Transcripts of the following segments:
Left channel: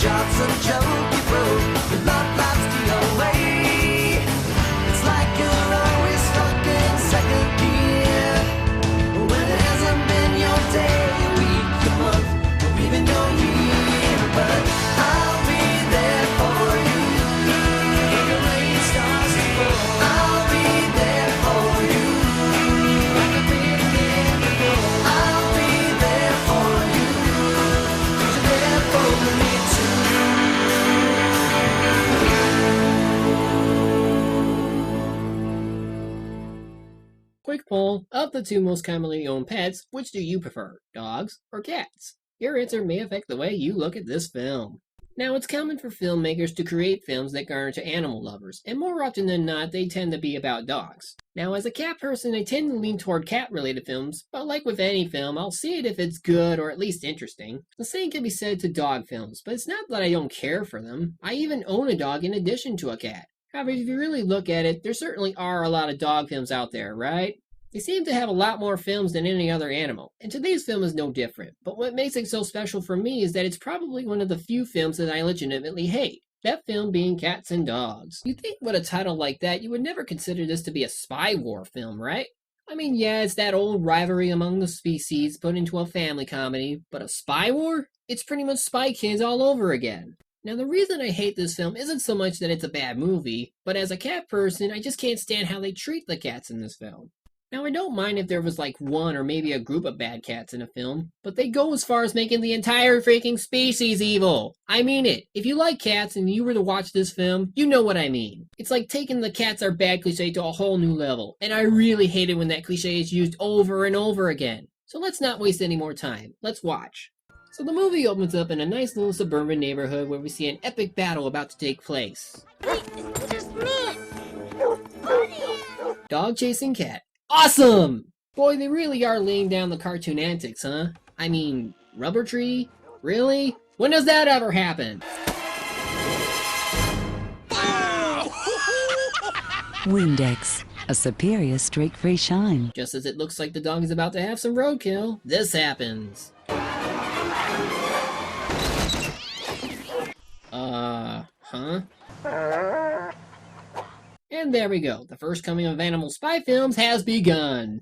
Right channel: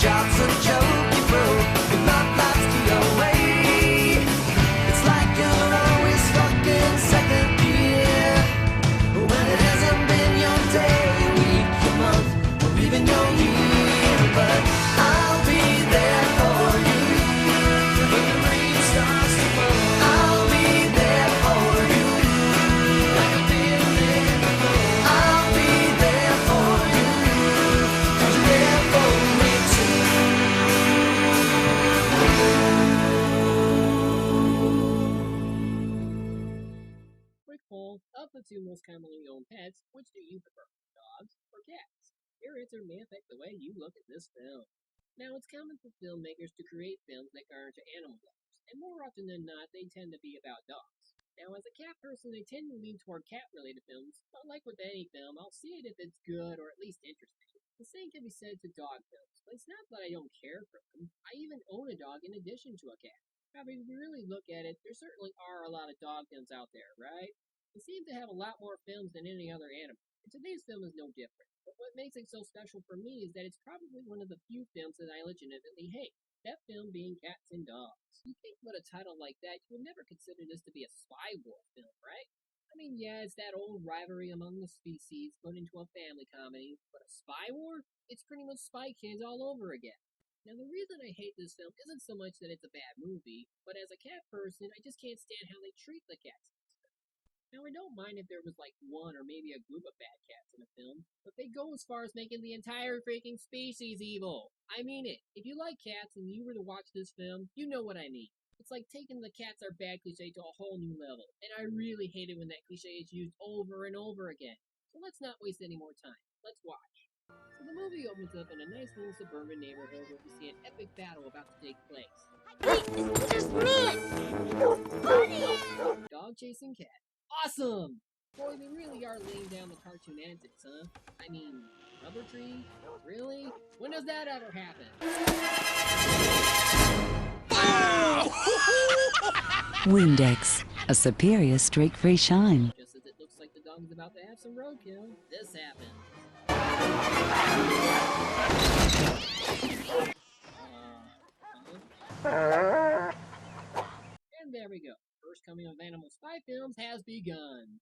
job's a joke you broke. Your love life's the away. It's like you're always stuck in second gear. When it hasn't been your day, your week, your month, or even your year. But I'll be there for you. When the rain starts to fall, I'll be there for you. Like I've been there before. I'll be there for you. 'Cause you're there for me too. Quick poll, of the two most commonly owned pets, which do you prefer, dogs or cats? Your answer may affect the way you look at this film. Now, it's common for filmmakers to create films that garner to animal lovers, and more often than not, they tend to be about dogs. Now, as a cat person, I tend to lean toward cat-related films, but like with any film, I'll see it if it's good or at least interesting. The same can be said to dog films, but it's not that I don't care for them. I even own a dog in addition to a cat. However, if you really look at it, there certainly are a lot of dog films out there, right? They seem to have a lot more films than any other animal, and today's film is no different. But what makes it so special for me is that it's probably one of the few films that I legitimately hate. That film being Cats and Dogs. You'd think with a title like that, you would never consider this to be a spy war film, right? I mean, yeah, it's that old rivalry among the species put into a family comedy, but a spy war? It's pretty much Spy Kids all over again. Now, the reason I hate this film isn't so much that it's a bad movie, but as a cat person, I just can't stand how they treat the cats in this film. Now, I don't mind if there was like one or maybe a group of bad cats in a film, but they go as far as making the entire freaking species evil. I mean it. If you like cats and you were to watch this film, you know what I mean. It's like taking the cats are bad cliche to a whole new level, and I really hate it when that cliche is used over and over again. So let's not waste any more time. Let's watch. So the movie opens up in a nice little suburban neighborhood where we see an epic battle about to take place. Wait, it's just me! Buddy! Dog chasing cat. Awesome! Boy, they really are laying down the cartoon antics, huh? I mean, Rubber Tree? Really? When does that ever happen? Windex, a superior streak-free shine. Just as it looks like the dog is about to have some roadkill, this happens. Huh? And there we go. The first coming of animal spy films has begun.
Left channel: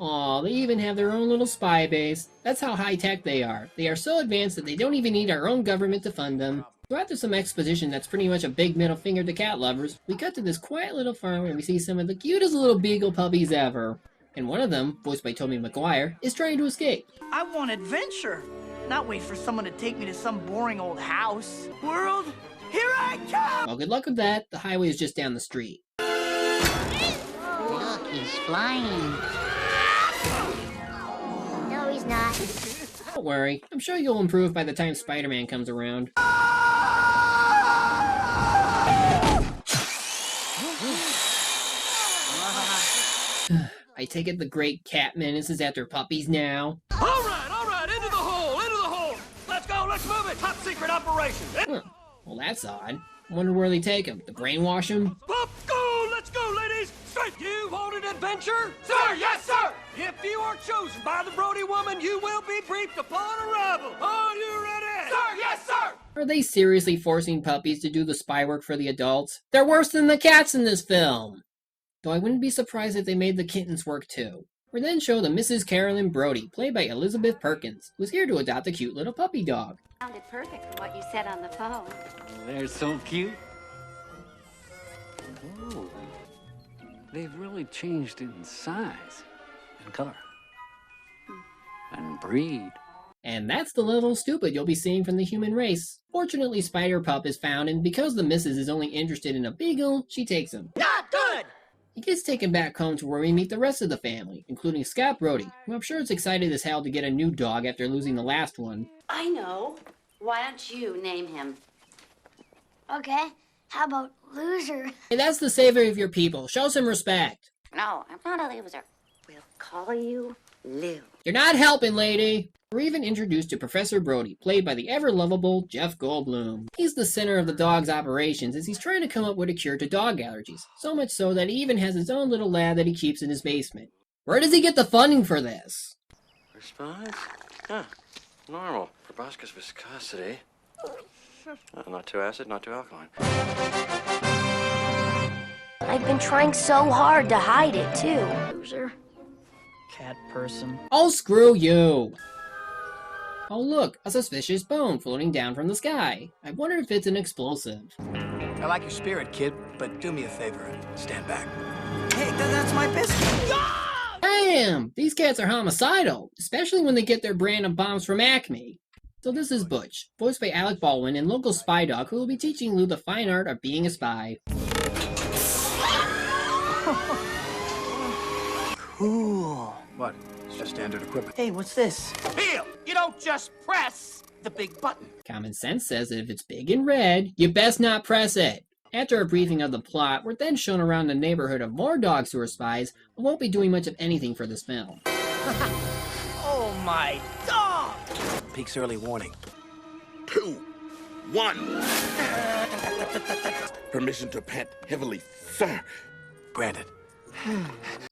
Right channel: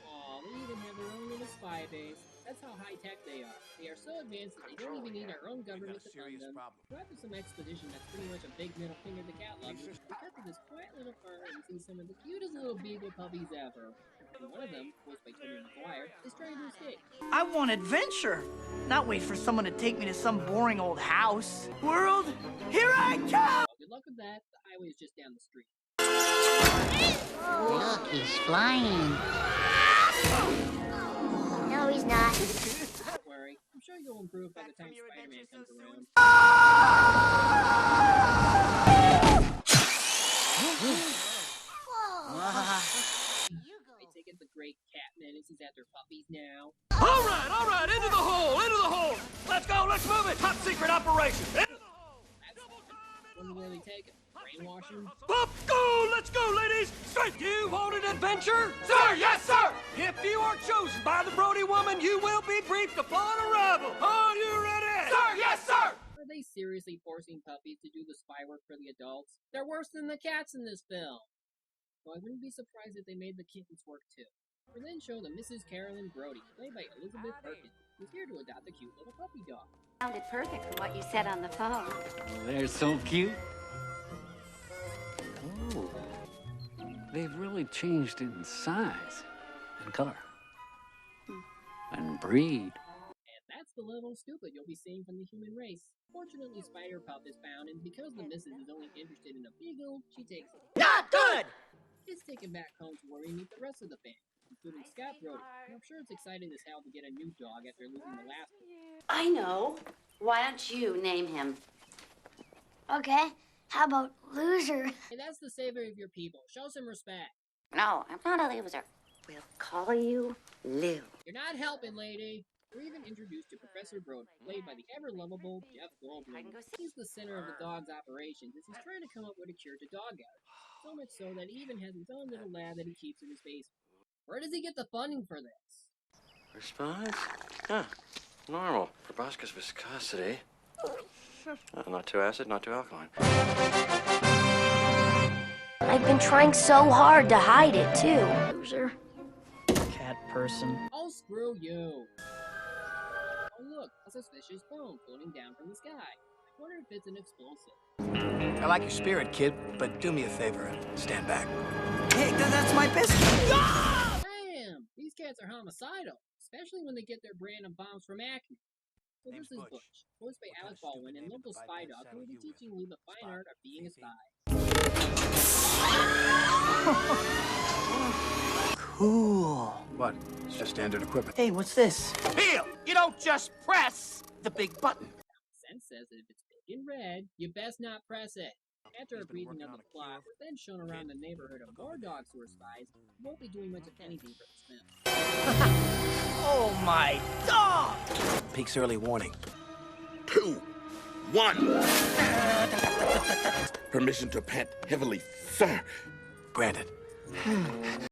Aw, they even have their own little spy base. That's how high-tech they are. They are so advanced that they don't even need our own government to fund them. So after some exposition that's pretty much a big middle finger to cat lovers, we cut to this quiet little farm where we see some of the cutest little beagle puppies ever. And one of them, voiced by Tobey Maguire, is trying to escape. I want adventure, not wait for someone to take me to some boring old house. World, here I come! Well, good luck with that. The highway is just down the street. Look, he's flying. No, he's not. Don't worry. I'm sure you'll improve by the time Spider-Man comes around. I take it the great cat menace is after puppies now. All right, into the hole! Let's go, let's move it! Top secret operation! Huh. Well, that's odd. I wonder where they take him. To brainwash him? Let's go, ladies! Straight! You want an adventure? Sir, yes, sir! If you are chosen by the Brody woman, you will be briefed upon arrival. Are you ready? Sir, yes, sir! Are they seriously forcing puppies to do the spy work for the adults? They're worse than the cats in this film! Though I wouldn't be surprised if they made the kittens work too. We're then shown to Mrs. Carolyn Brody, played by Elizabeth Perkins, who's here to adopt a cute little puppy dog. Sounded perfect from what you said on the phone. They're so cute. Oh, they've really changed in size and color and breed. And that's the level of stupid you'll be seeing from the human race. Fortunately, Spider Pup is found, and because the missus is only interested in a beagle, she takes him. Not good! He gets taken back home to where we meet the rest of the family, including Scott Brody, who I'm sure is excited as hell to get a new dog after losing the last one. I know. Why don't you name him? Okay, how about loser? Hey, that's the savior of your people. Show some respect. No, I'm not a loser. We'll call you Lou. You're not helping, lady. We're even introduced to Professor Brody, played by the ever-lovable Jeff Goldblum. He's the center of the dog's operations as he's trying to come up with a cure to dog allergies, so much so that he even has his own little lab that he keeps in his basement. Where does he get the funding for this? Response? Huh. Normal. Proboscis viscosity. Not too acid, not too alkaline. I've been trying so hard to hide it, too. Loser. Cat person. Oh, screw you! Oh look, a suspicious bone floating down from the sky. I wonder if it's an explosive. I like your spirit, kid, but do me a favor and stand back. Hey, that's my biscuit. Damn! These cats are homicidal, especially when they get their brand of bombs from Acme. So this is Butch, voiced by Alec Baldwin and local spy dog who will be teaching Lou the fine art of being a spy. Cool. What? It's just standard equipment. Hey, what's this? Feel! You don't just press the big button. Common sense says that if it's big and red, you best not press it. After a briefing of the plot, we're then shown around the neighborhood of more dogs who are spies, but won't be doing much of anything for this film. Oh my dog! Peak's early warning. 2, 1. Permission to pet heavily, sir. Granted.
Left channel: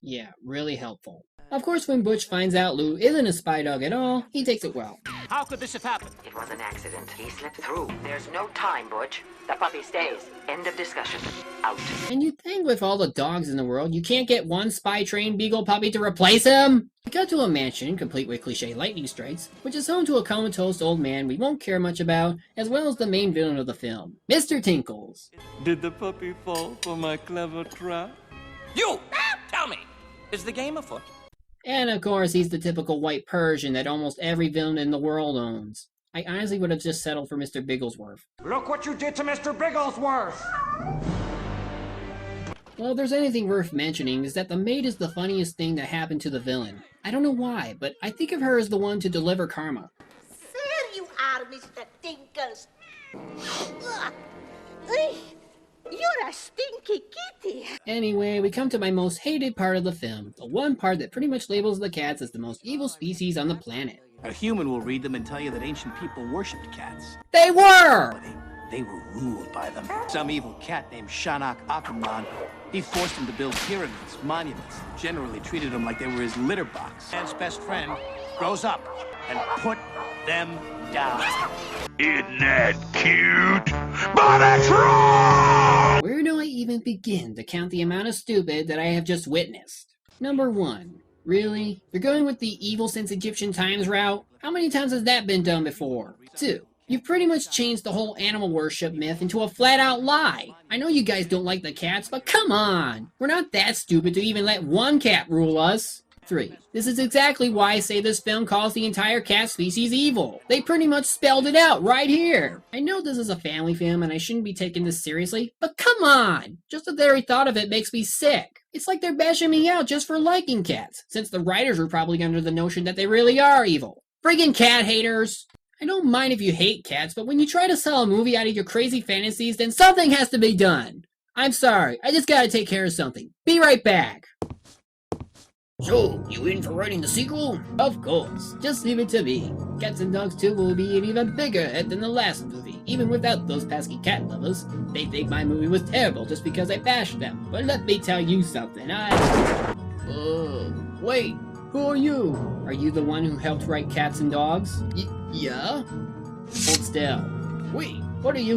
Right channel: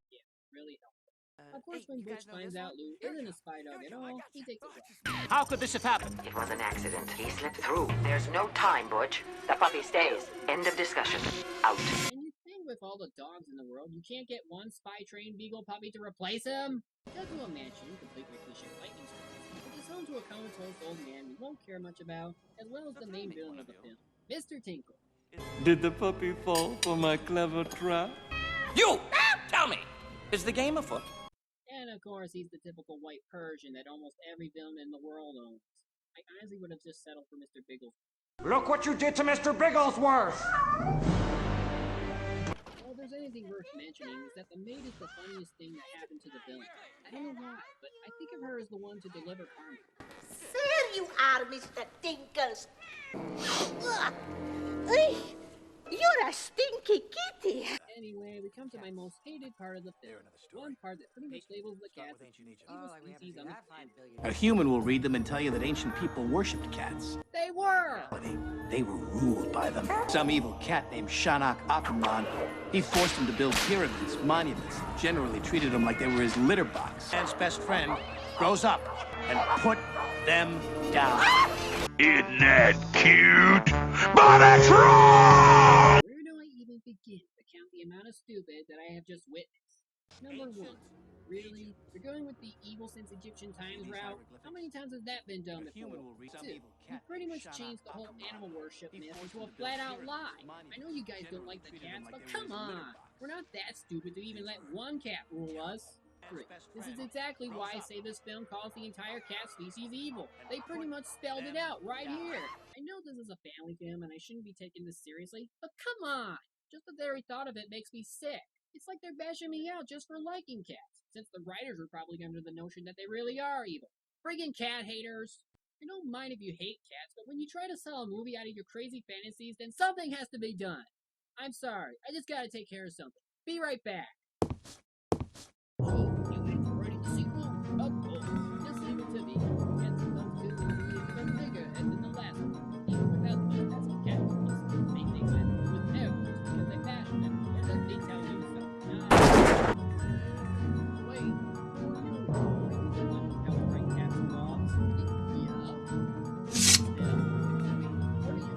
Yeah, really helpful. Of course, when Butch finds out Lou isn't a spy dog at all, he takes it well. How could this have happened? It was an accident. He slipped through. There's no time, Butch. The puppy stays. End of discussion. Out. And you'd think with all the dogs in the world, you can't get one spy-trained beagle puppy to replace him? We got to a mansion, complete with cliche lightning strikes, which is home to a comatose old man we won't care much about, as well as the main villain of the film, Mr. Tinkles. Did the puppy fall for my clever trap? You! Tell me! Is the game afoot? And of course, he's the typical white Persian that almost every villain in the world owns. I honestly would have just settled for Mr. Bigglesworth. Look what you did to Mr. Bigglesworth! Well, if there's anything worth mentioning, is that the maid is the funniest thing that happened to the villain. I don't know why, but I think of her as the one to deliver karma. There you are, Mr. Tinkles. You're a stinky kitty. Anyway, we come to my most hated part of the film, the one part that pretty much labels the cats as the most evil species on the planet. A human will read them and tell you that ancient people worshipped cats. They were! They were ruled by them. Some evil cat named Shanak Akuman, he forced them to build pyramids, monuments, generally treated them like they were his litter box. Man's best friend grows up and put them down. Isn't that cute? But it's wrong! Where do I even begin to count the amount of stupid that I have just witnessed? Number 1. Really? You're going with the evil since Egyptian times route? How many times has that been done before? 2. You've pretty much changed the whole animal worship myth into a flat-out lie. I know you guys don't like the cats, but come on! We're not that stupid to even let one cat rule us. 3. This is exactly why I say this film calls the entire cat species evil. They pretty much spelled it out right here. I know this is a family film and I shouldn't be taking this seriously, but come on! Just the very thought of it makes me sick. It's like they're bashing me out just for liking cats, since the writers were probably under the notion that they really are evil. Friggin' cat haters! I don't mind if you hate cats, but when you try to sell a movie out of your crazy fantasies, then something has to be done. I'm sorry, I just gotta take care of something. Be right back. So, you in for writing the sequel? Of course, just leave it to me. Cats and Dogs 2 will be an even bigger hit than the last movie, even without those pesky cat lovers. They think my movie was terrible just because I bashed them, but let me tell you something, wait, who are you? Are you the one who helped write Cats and Dogs? Yeah? Hold still. Wait, what are you?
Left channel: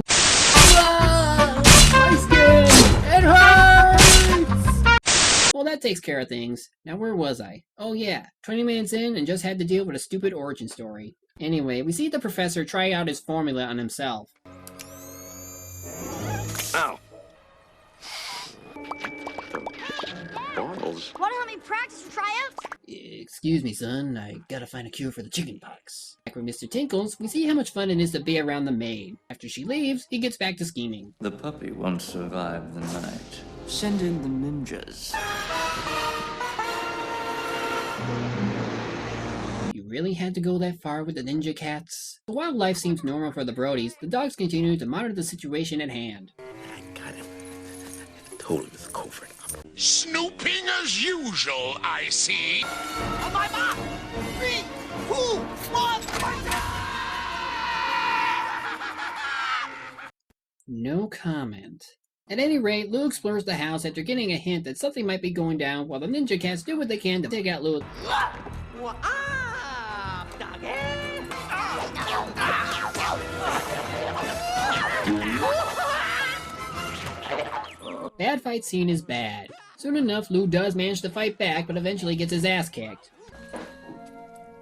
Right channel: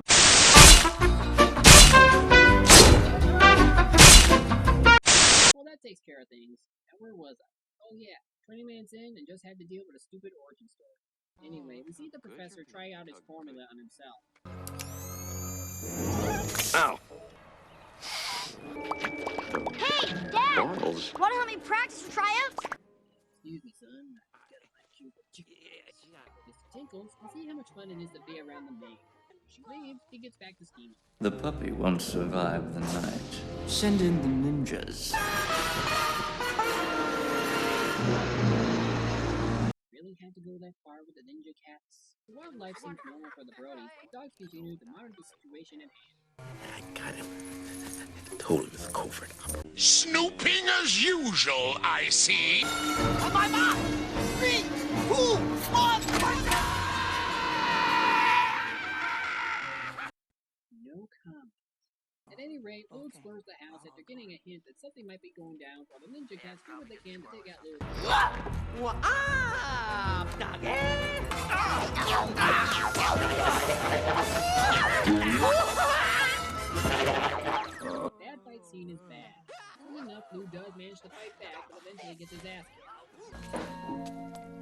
It hurts! Well, that takes care of things. Now, where was I? Oh yeah, 20 minutes in and just had to deal with a stupid origin story. Anyway, we see the professor try out his formula on himself. Ow. Hey, Dad! Want to help me practice for tryouts? Excuse me, son. I gotta find a cure for the chicken pox. Back with Mr. Tinkles, we see how much fun it is to be around the maid. After she leaves, he gets back to scheming. The puppy won't survive the night. Send in the ninjas. You really had to go that far with the ninja cats? While life seems normal for the Brodies, the dogs continue to monitor the situation at hand. I got him. Told him it's covert. Snooping as usual, I see. On my mark! 3, 2, 1, No comment. At any rate, Lou explores the house after getting a hint that something might be going down while the ninja cats do what they can to take out Lou. What up, doggy? Bad fight scene is bad. Soon enough, Lou does manage to fight back, but eventually gets his ass kicked.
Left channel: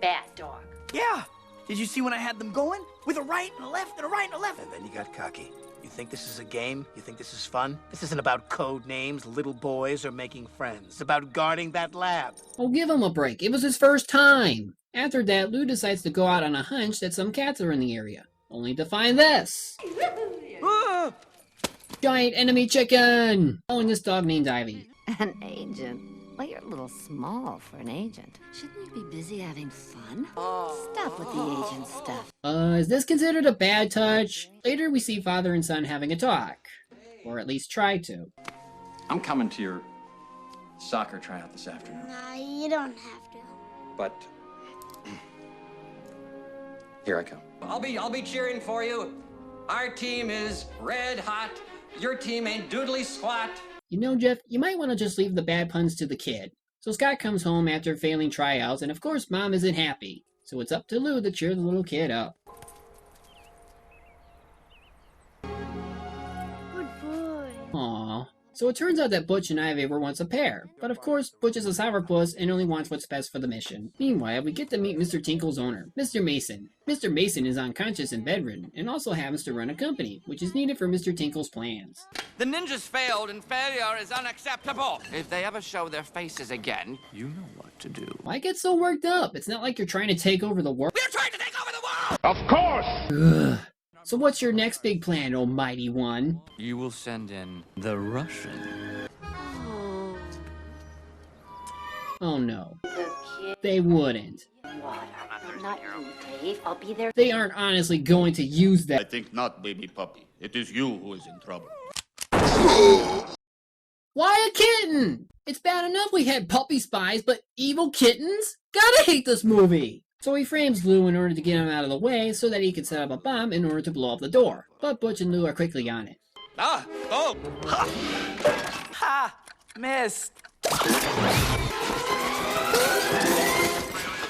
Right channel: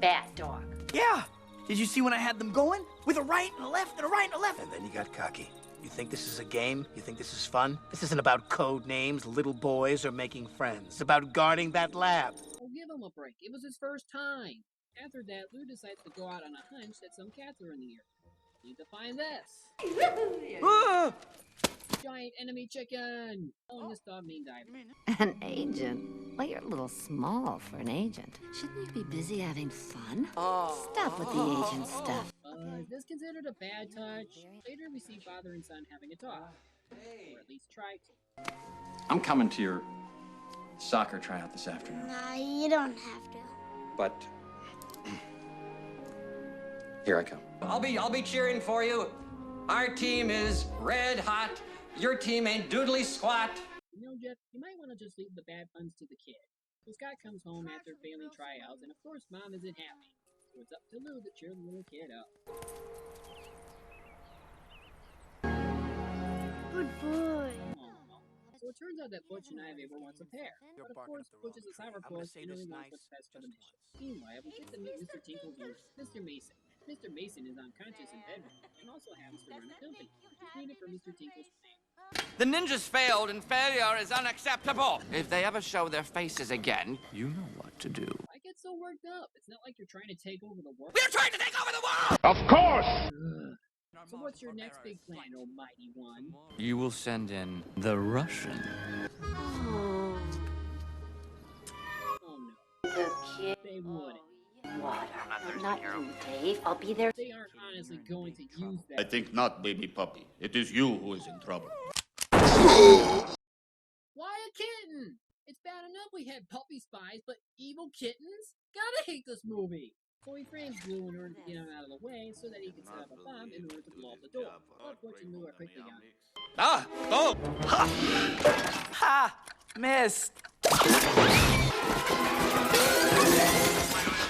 Bad dog. Yeah. Did you see when I had them going? With a right and a left and a right and a left. And then you got cocky. You think this is a game? You think this is fun? This isn't about code names, little boys, or making friends. It's about guarding that lab. Oh, give him a break. It was his first time. After that, Lou decides to go out on a hunch that some cats are in the area. Only to find this. Giant enemy chicken! Following this dog named Ivy. An agent? Well, you're a little small for an agent. Shouldn't you be busy having fun? Stop with the agent stuff. Is this considered a bad touch? Later, we see father and son having a talk. Or at least try to. I'm coming to your soccer tryout this afternoon. Nah, you don't have to. But here I come. I'll be cheering for you. Our team is red hot. Your team ain't doodly squat. You know, Jeff, you might want to just leave the bad puns to the kid. So Scott comes home after failing tryouts, and of course Mom isn't happy. So it's up to Lou to cheer the little kid up. Good boy. Aww. So it turns out that Butch and Ivy were once a pair. But of course, Butch is a sourpuss and only wants what's best for the mission. Meanwhile, we get to meet Mr. Tinkle's owner, Mr. Mason. Mr. Mason is unconscious and bedridden, and also happens to run a company, which is needed for Mr. Tinkle's plans. The ninjas failed, and failure is unacceptable. If they ever show their faces again, you know what to do. Why get so worked up? It's not like you're trying to take over the world. We're trying to take over the world! Of course! Ugh. So what's your next big plan, almighty one? You will send in the Russian. Oh no. The kid. They wouldn't. Water. Not you, Dave. I'll be there. They aren't honestly going to use that. I think not, baby puppy. It is you who is in trouble. Why a kitten? It's bad enough we had puppy spies, but evil kittens? Gotta hate this movie! So he frames Lou in order to get him out of the way so that he can set up a bomb in order to blow up the door. But Butch and Lou are quickly on it. Ah! Oh! Ha! Ha! Missed.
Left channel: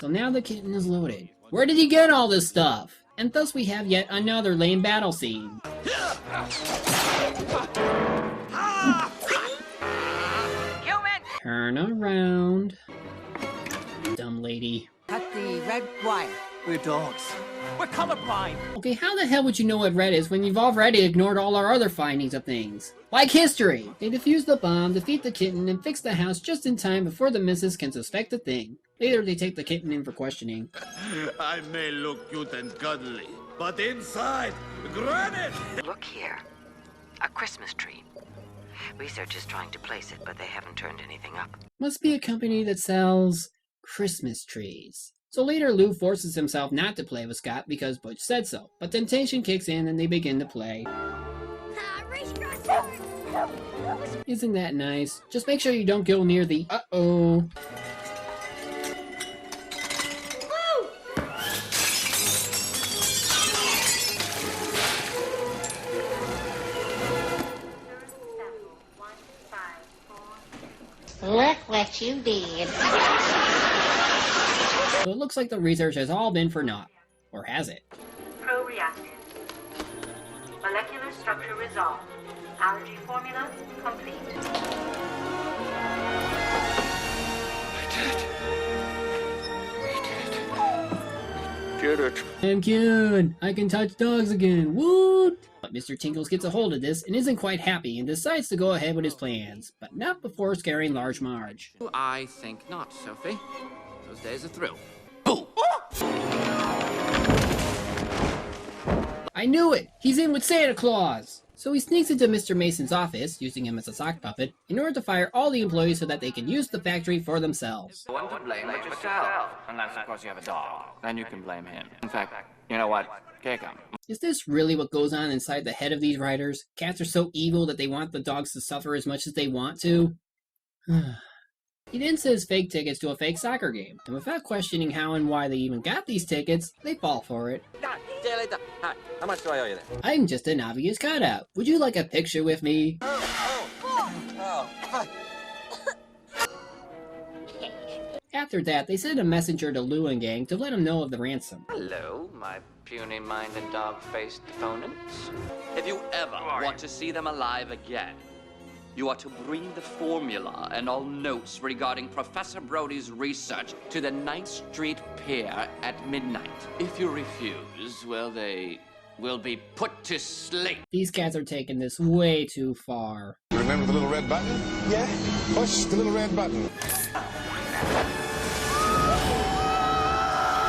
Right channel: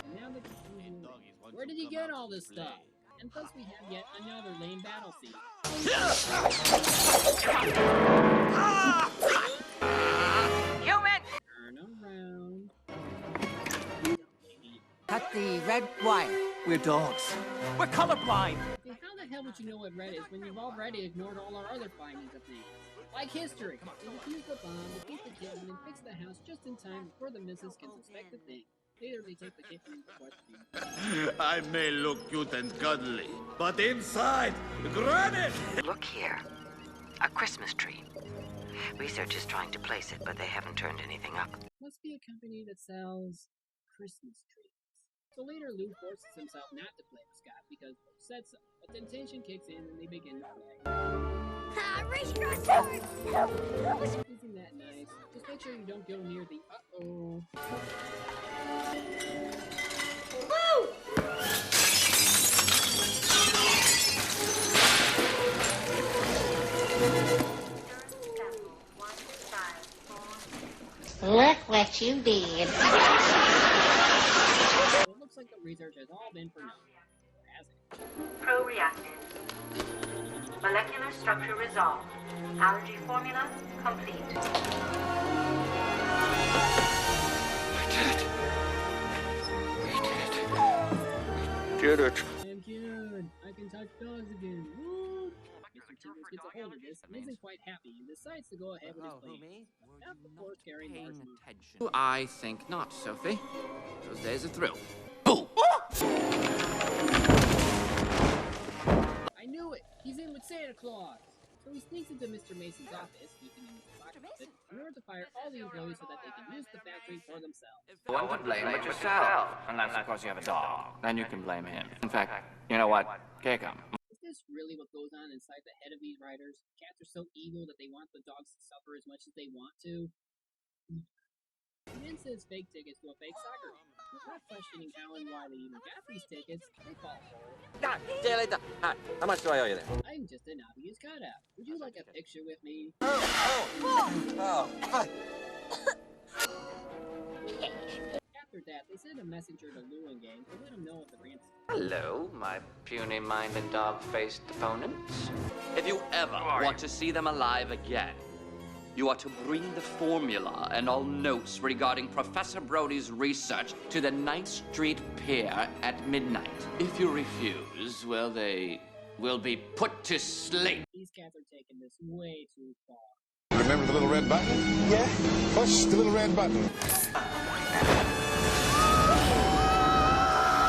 So now the kitten is loaded. Where did he get all this stuff? And thus we have yet another lame battle scene. Human! Turn around. Dumb lady. Cut the red wire. We're dogs. We're colorblind. Okay, how the hell would you know what red is when you've already ignored all our other findings of things? Like history! They defuse the bomb, defeat the kitten, and fix the house just in time before the missus can suspect a thing. Later, they take the kitten in for questioning. I may look cute and cuddly, but inside, granite! Look here. A Christmas tree. Research is trying to place it, but they haven't turned anything up. Must be a company that sells Christmas trees. So later, Lou forces himself not to play with Scott because Butch said so. But temptation kicks in and they begin to play. Race across the board. Isn't that nice? Just make sure you don't go near the uh-oh. Woo! Look what you did. So it looks like the research has all been for naught. Or has it? Pro-reactive. Molecular structure resolved. Allergy formula complete. Get it. I'm cured! I can touch dogs again! Woo! But Mr. Tinkles gets a hold of this and isn't quite happy and decides to go ahead with his plans. But not before scaring Large Marge. I think not, Sophie. Those days are through. I knew it! He's in with Santa Claus! So he sneaks into Mr. Mason's office, using him as a sock puppet, in order to fire all the employees so that they can use the factory for themselves. One to blame but yourself. Unless, of course, you have a dog. Then you can blame him. In fact, you know what? Kick him. Is this really what goes on inside the head of these writers? Cats are so evil that they want the dogs to suffer as much as they want to? He then says fake tickets to a fake soccer game, and without questioning how and why they even got these tickets, they fall for it. See you later. Hi. How much do I owe you there? I'm just an obvious cutout. Would you like a picture with me? Oh. After that, they send a messenger to Lou and gang to let them know of the ransom. Hello, my puny-minded dog-faced opponents. If you ever want to see them alive again, you are to bring the formula and all notes regarding Professor Brody's research to the 9th Street Pier at midnight. If you refuse, well, they will be put to sleep. These cats are taking this way too far. Remember the little red button? Yeah. Push the little red button.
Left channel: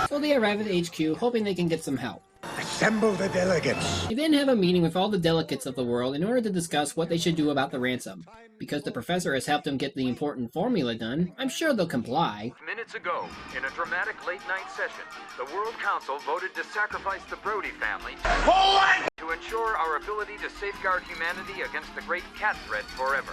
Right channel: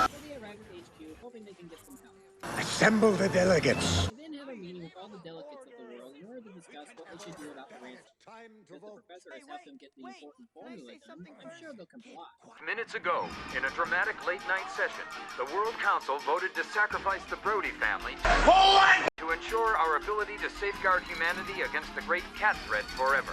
So they arrive at HQ, hoping they can get some help. Assemble the delegates. They then have a meeting with all the delegates of the world in order to discuss what they should do about the ransom. Because the professor has helped them get the important formula done, I'm sure they'll comply. Minutes ago, in a dramatic late-night session, the World Council voted to sacrifice the Brody family to ensure our ability to safeguard humanity against the great cat threat forever.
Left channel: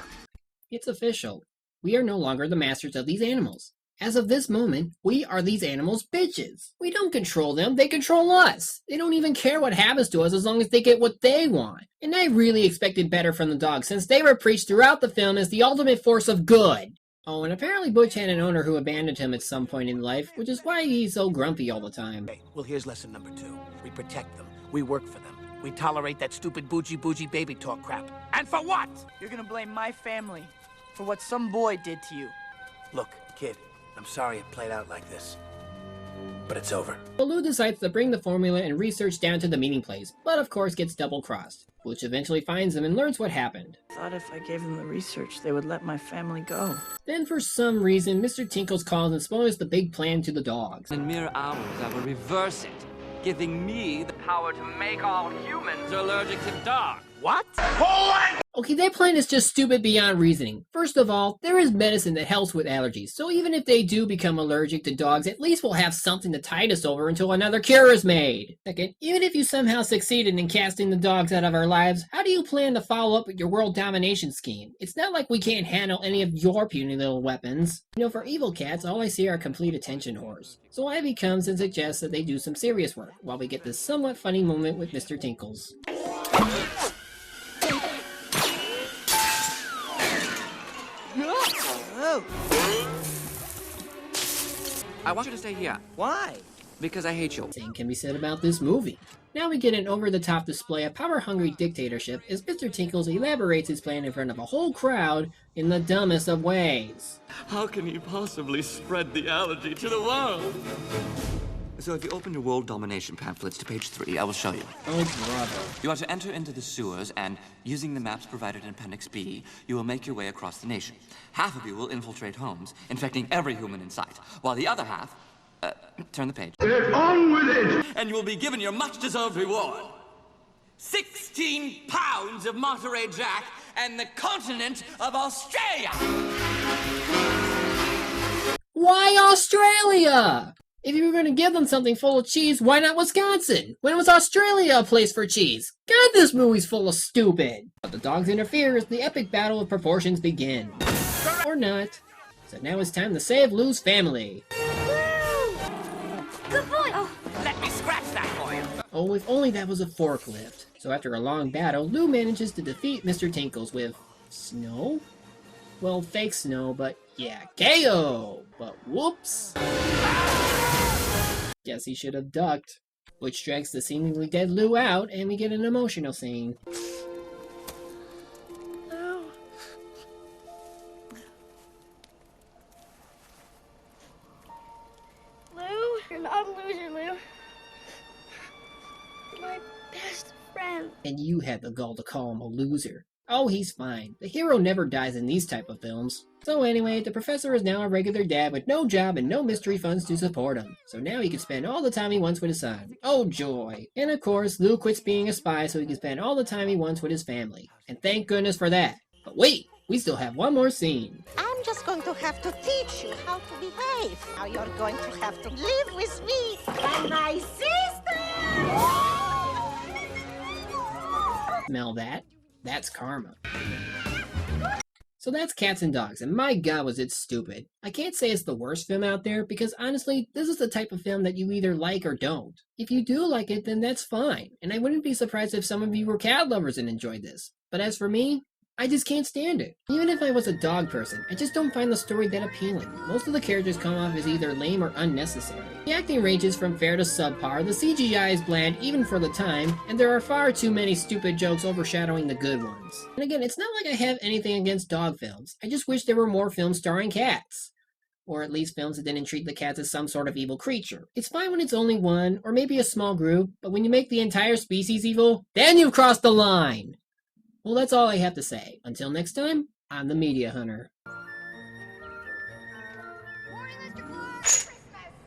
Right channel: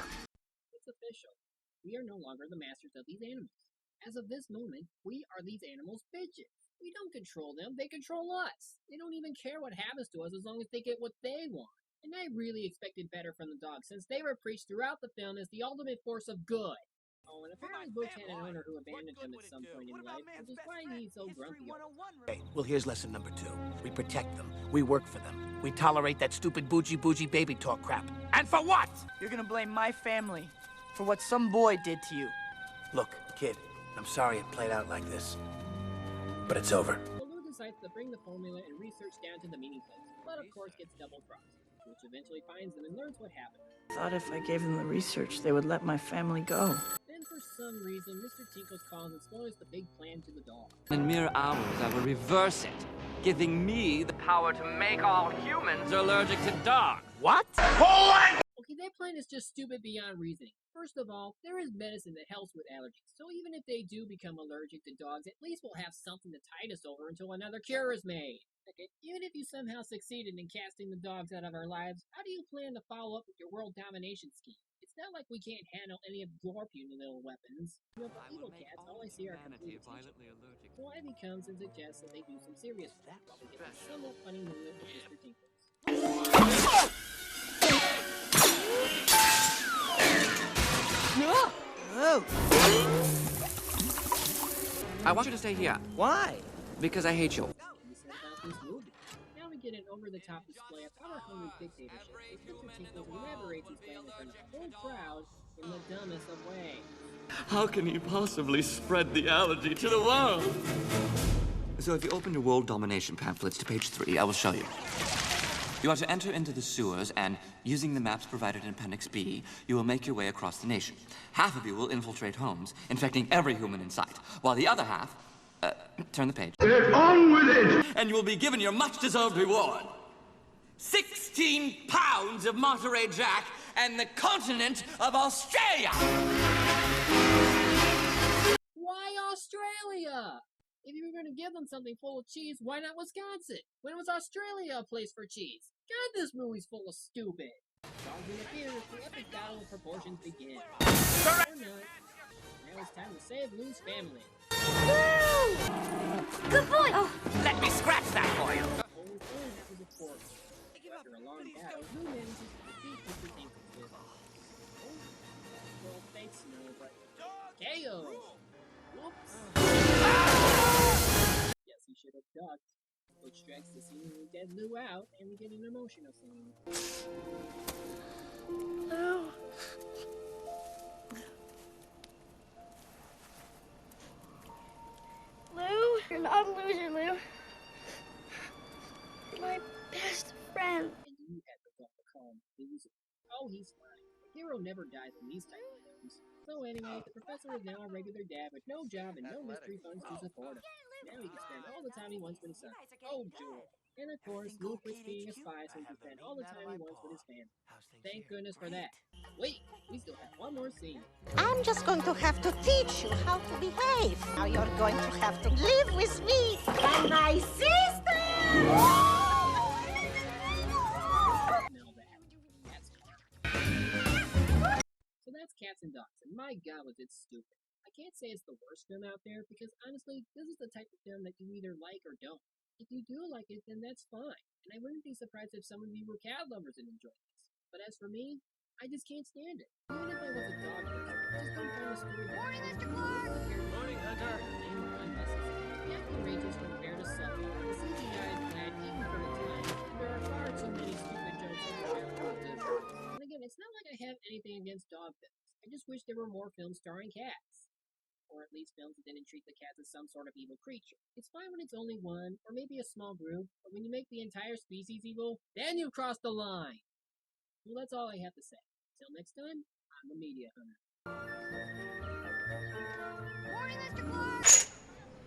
It's official. We are no longer the masters of these animals. As of this moment, we are these animals' bitches. We don't control them, they control us. They don't even care what happens to us as long as they get what they want. And I really expected better from the dogs, since they were preached throughout the film as the ultimate force of good. Oh, and apparently Butch had an owner who abandoned him at some point in life, which is why he's so grumpy all the time. Okay, well, here's lesson number 2. We protect them. We work for them. We tolerate that stupid bougie baby talk crap. And for what? You're gonna blame my family for what some boy did to you. Look, kid, I'm sorry it played out like this, but it's over. Well, Lou decides to bring the formula and research down to the meeting place, but of course gets double-crossed. Butch eventually finds them and learns what happened. Thought if I gave them the research, they would let my family go. Then for some reason, Mr. Tinkles calls and spoils the big plan to the dogs. In mere hours, I will reverse it, giving me the power to make all humans allergic to dogs. What? Okay, that plan is just stupid beyond reasoning. First of all, there is medicine that helps with allergies, so even if they do become allergic to dogs, at least we'll have something to tide us over until another cure is made. Second, even if you somehow succeeded in casting the dogs out of our lives, how do you plan to follow up with your world domination scheme? It's not like we can't handle any of your puny little weapons. You know, for evil cats, all I see are complete attention whores. So Ivy comes and suggests that they do some serious work, while we get this somewhat funny moment with Mr. Tinkles. Oh. I want you to stay here. Why? Because I hate you. Same can be said about this movie. Now we get an over-the-top display of power-hungry dictatorship as Mr. Tinkles elaborates his plan in front of a whole crowd in the dumbest of ways. How can he possibly spread the allergy to the world? So if you open your world domination pamphlets to page 3, I will show you. You are to enter into the sewers and, using the maps provided in Appendix B, you will make your way across the nation. Half of you will infiltrate homes, infecting every human in sight, while the other half... turn the page. Get on with it! And you will be given your much-deserved reward. 16 pounds of Monterey Jack and the continent of Australia! Why Australia? If you were going to give them something full of cheese, why not Wisconsin? When was Australia a place for cheese? God, this movie's full of stupid. But the dogs interfere as the epic battle of proportions begins. Or not. So now it's time to save Lou's family. Good boy! Oh, let me scratch that for you. Oh, if only that was a forklift. So after a long battle, Lou manages to defeat Mr. Tinkles with... snow? Well, fake snow, but yeah, KO! But whoops! Guess he should have ducked. Which drags the seemingly dead Lou out, and we get an emotional scene. No. Lou, you're not a loser, Lou. You're my best friend. And you had the gall to call him a loser. Oh, he's fine. The hero never dies in these type of films. So anyway, the professor is now a regular dad with no job and no mystery funds to support him. So now he can spend all the time he wants with his son. Oh joy! And of course, Lou quits being a spy so he can spend all the time he wants with his family. And thank goodness for that. But wait! We still have one more scene. I'm just going to have to teach you how to behave. Now you're going to have to live with me and my sister! Smell that? That's karma. So that's Cats and Dogs, and my god was it stupid. I can't say it's the worst film out there, because honestly, this is the type of film that you either like or don't. If you do like it, then that's fine, and I wouldn't be surprised if some of you were cat lovers and enjoyed this. But as for me, I just can't stand it. Even if I was a dog person, I just don't find the story that appealing. Most of the characters come off as either lame or unnecessary. The acting ranges from fair to subpar, the CGI is bland even for the time, and there are far too many stupid jokes overshadowing the good ones. And again, it's not like I have anything against dog films. I just wish there were more films starring cats. Or at least films that didn't treat the cats as some sort of evil creature. It's fine when it's only one, or maybe a small group, but when you make the entire species evil, then you've crossed the line! Well, that's all I have to say. Until next time, I'm the Media Hunter.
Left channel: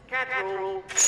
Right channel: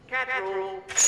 Cat rule.